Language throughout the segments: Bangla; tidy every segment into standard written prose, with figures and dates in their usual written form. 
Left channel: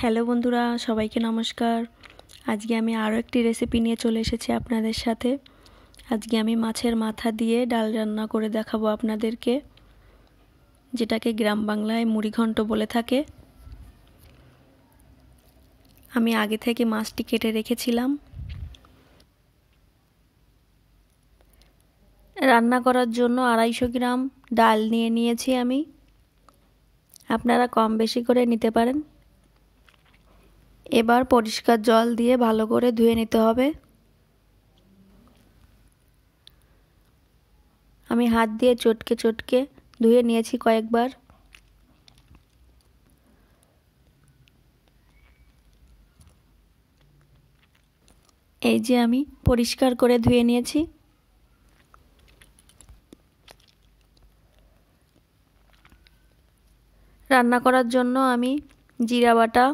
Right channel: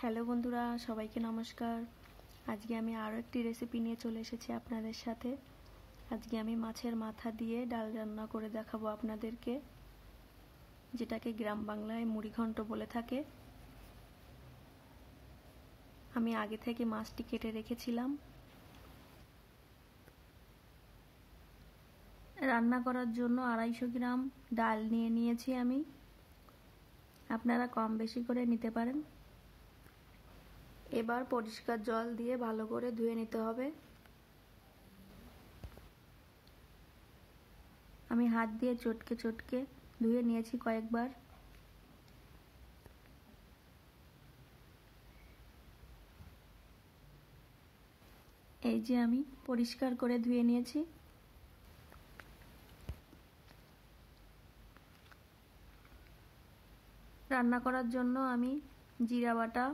হ্যালো বন্ধুরা, সবাইকে নমস্কার। আজকে আমি আরও একটি রেসিপি নিয়ে চলে এসেছি আপনাদের সাথে। আজকে আমি মাছের মাথা দিয়ে ডাল রান্না করে দেখাবো আপনাদেরকে, যেটাকে গ্রাম বাংলায় মুড়িঘণ্ট বলে থাকে। আমি আগে থেকে মাছটি কেটে রেখেছিলাম। রান্না করার জন্য 250 গ্রাম ডাল নিয়ে নিয়েছি আমি। আপনারা কম বেশি করে নিতে পারেন। এবার পরিষ্কার জল দিয়ে ভালো করে ধুয়ে নিতে হবে। আমি হাত দিয়ে চটকে চটকে ধুয়ে নিয়েছি কয়েকবার। এই যে আমি পরিষ্কার করে ধুয়ে নিয়েছি। রান্না করার জন্য আমি জিরা বাটা,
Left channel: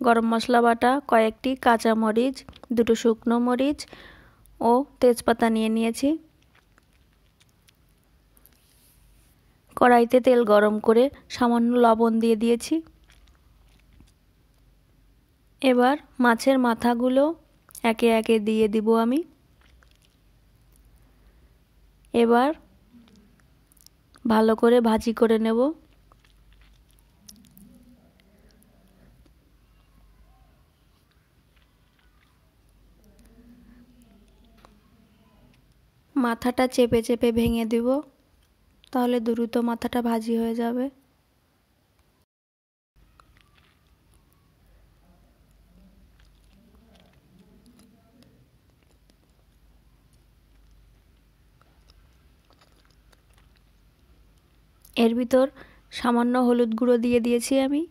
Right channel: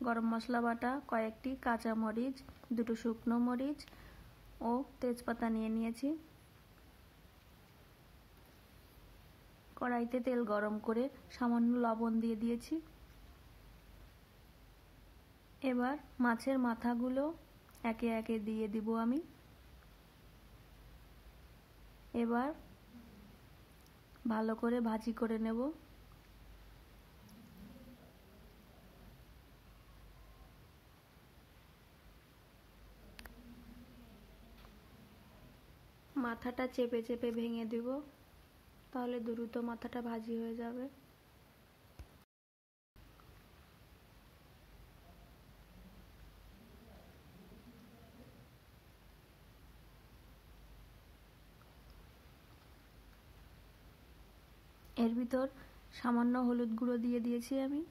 গরম মশলা বাটা, কয়েকটি কাঁচা মরিচ, দুটো শুকনো মরিচ ও তেজপাতা নিয়ে নিয়েছি। কড়াইতে তেল গরম করে সামান্য লবণ দিয়ে দিয়েছি। এবার মাছের মাথাগুলো একে একে দিয়ে দিব আমি। এবার ভালো করে ভাজি করে নেব। মাথাটা চেপে চেপে ভেঙে দিব, তাহলে দ্রুত মাথাটা ভাজি হয়ে যাবে। এর ভিতর সামান্য হলুদ গুঁড়ো দিয়ে দিয়েছি আমি।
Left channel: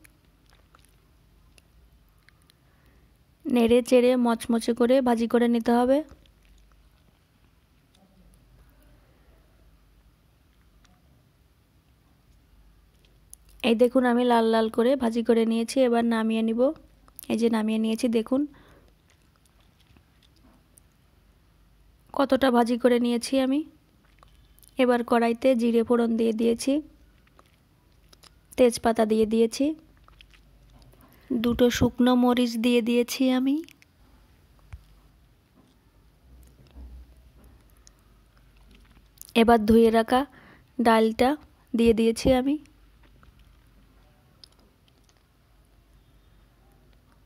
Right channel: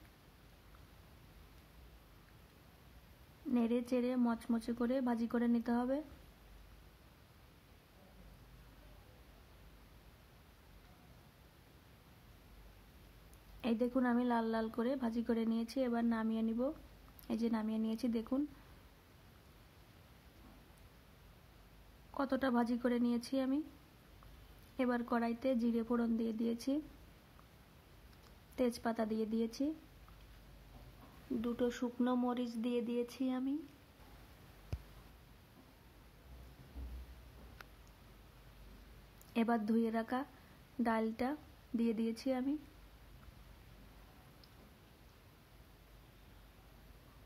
নেড়ে চেড়ে মচমচে করে ভাজি করে নিতে হবে। এই দেখুন, আমি লাল লাল করে ভাজি করে নিয়েছি। এবার নামিয়ে নিব। এই যে নামিয়ে নিয়েছি, দেখুন কতটা ভাজি করে নিয়েছি আমি। এবার কড়াইতে জিরে ফোড়ন দিয়ে দিয়েছি, তেজপাতা দিয়ে দিয়েছি, দুটো শুকনো মরিচ দিয়ে দিয়েছি আমি। এবার ধুয়ে রাখা ডালটা দিয়ে দিয়েছি আমি।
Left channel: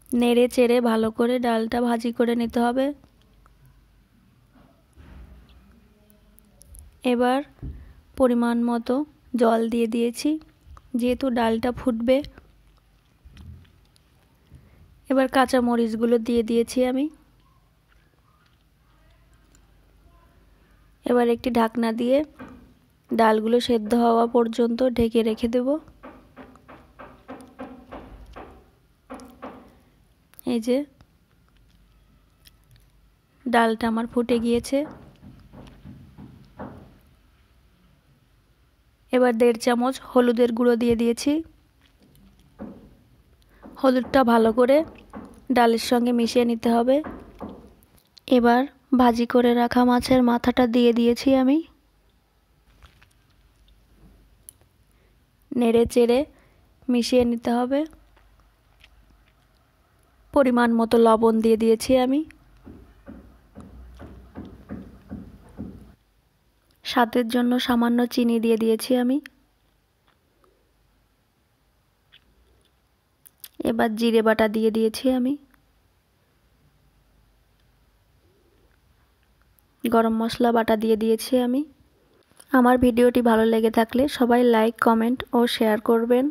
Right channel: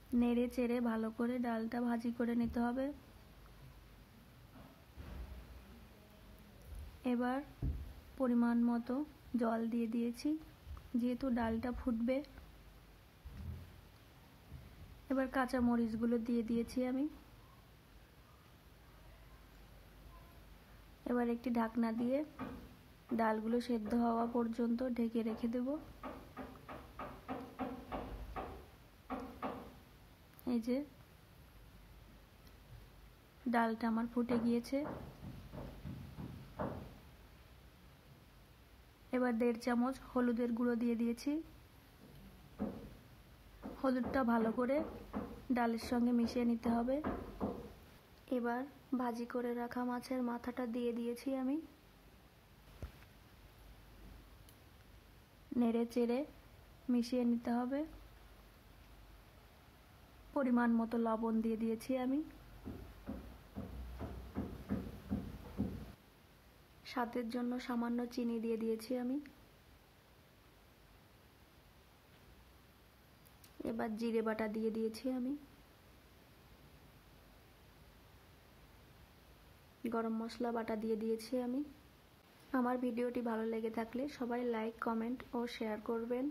নেড়ে চেড়ে ভালো করে ডালটা ভাজি করে নিতে হবে। এবার পরিমাণ মতো জল দিয়ে দিয়েছি, যেহেতু ডালটা ফুটবে। এবার কাঁচা মরিচগুলো দিয়ে দিয়েছি আমি। এবার একটি ঢাকনা দিয়ে ডালগুলো সেদ্ধ হওয়া পর্যন্ত ঢেকে রেখে দেব। এই যে ডালটা আমার ফুটে গিয়েছে। এবার 1.5 চামচ হলুদের গুঁড়ো দিয়ে দিয়েছি। হলুদটা ভালো করে ডালের সঙ্গে মিশিয়ে নিতে হবে। এবার ভাজি করে রাখা মাছের মাথাটা দিয়ে দিয়েছি আমি। নেড়ে চেড়ে মিশিয়ে নিতে হবে। পরিমাণ মতো লবণ দিয়ে দিয়েছি আমি। স্বাদের জন্য সামান্য চিনি দিয়ে দিয়েছি আমি। এবার জিরে বাটা দিয়ে দিয়েছি আমি। গরম মশলা বাটা দিয়ে দিয়েছি আমি। আমার ভিডিওটি ভালো লেগে থাকলে সবাই লাইক, কমেন্ট ও শেয়ার করবেন।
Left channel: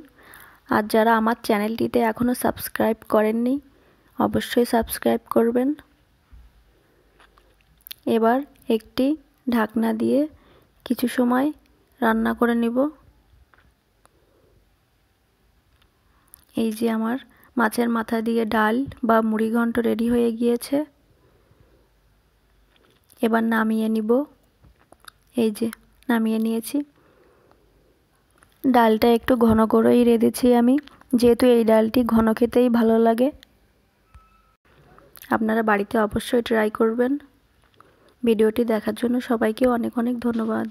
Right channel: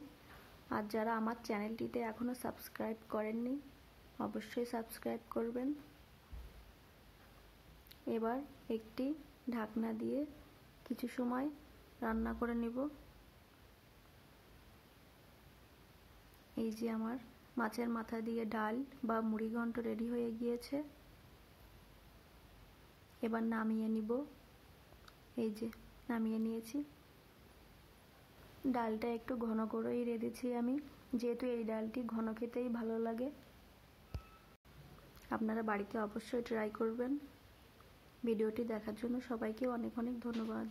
আর যারা আমার চ্যানেলটিতে এখনও সাবস্ক্রাইব করেননি, অবশ্যই সাবস্ক্রাইব করবেন। এবার একটি ঢাকনা দিয়ে কিছু সময় রান্না করে নিব। এই যে আমার মাছের মাথা দিয়ে ডাল বা মুড়িঘণ্ট রেডি হয়ে গিয়েছে। এবার নামিয়ে নিব। এই যে নামিয়ে নিয়েছি। ডালটা একটু ঘন করেই রেঁধেছি আমি, যেহেতু এই ডালটি ঘন খেতেই ভালো লাগে। আপনারা বাড়িতে অবশ্যই ট্রাই করবেন। ভিডিওটি দেখার জন্য সবাইকে অনেক অনেক ধন্যবাদ।